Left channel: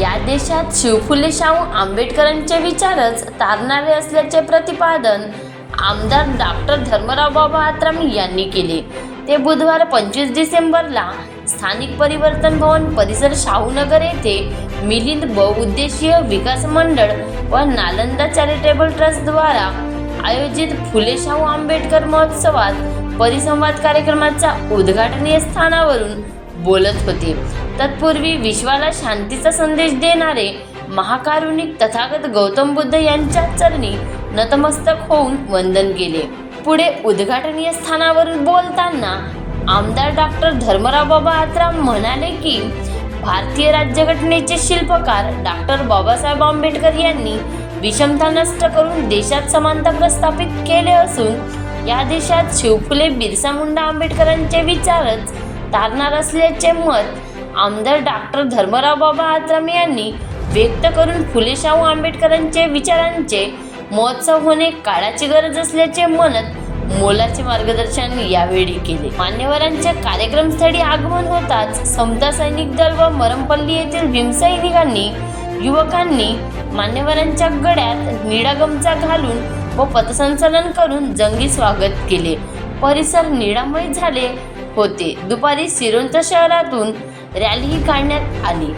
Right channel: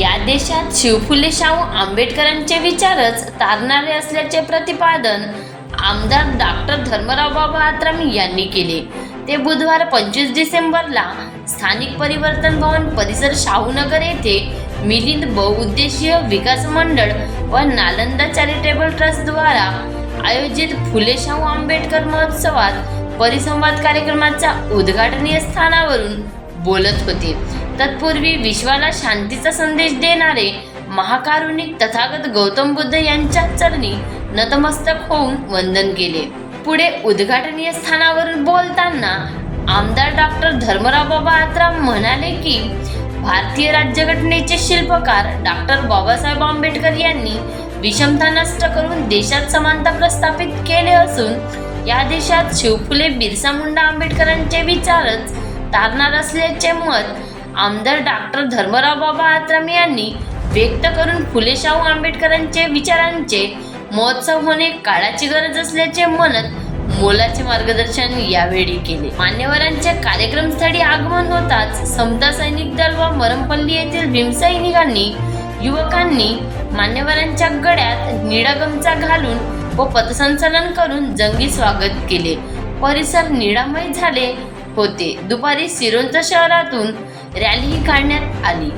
या देशात शिवफुले शाहू आंबेडकरांचे विचारच तारणारे असल्याचे प्रतिपादन आमदार डॉक्टर धर्मराव बाबा आत्राम यांनी केले. ते बुधवार पंचवीस डिसेंबरला स्थानिक परिवर्तन भवन परिसर शाहूनगर येथे मिलिंद बहुउद्देशीय विकास मंडळ व नालंदा चॅरिटेबल ट्रस्टद्वारा आयोजित फुले शाहू आंबेडकर महोत्सवात परिसंवाद कार्यक्रमाच्या उद्घाटनीय स्थानावरून बोलत होते. तत्पूर्वी विश्वाला शांतीचा संदेश देणारे महाकारुणिक तथागत गौतम बुद्ध यांच्या चरणी नतमस्तक होऊन वंदन केले. पुढे उद्घाटनीय स्थानावरून बोलताना आमदार डॉक्टर धर्मराव बाबा आत्राम म्हणाले की भारतीय राज्यघटनेचे शिल्पकार डॉक्टर बाबासाहेब आंबेडकर यांनी विषमता नष्ट करून देशात समानता प्रस्थापित केले असून या देशात शिवफुले बिरसा मुंडा आंबेडकरांचे विचारच तारणार असल्याचे मत आमदार डॉक्टर धर्मराव बाबा आत्राम यांनी व्यक्त करून फुले शाहू आंबेडकरांचे विचारांचे महोत्सव होणे काळाची गरज असल्याचे म्हणत मोलाचे मार्गदर्शन यावेळी केले. मान्यवरांच्या कार्यक्रमस्थळी आगमन होताच समता सैनिक दल व मरमपल्ली येथील भीमसैनिकांनी युवकांनी मान्यवरांच्या गड्यात निळा गमचा घालून व पथसंचलन करून जंगी स्वागत केले. परिसर निळामय झाले. होते. दुपारी सिरोंचा शहरातून रॅलीही काढण्यात आली.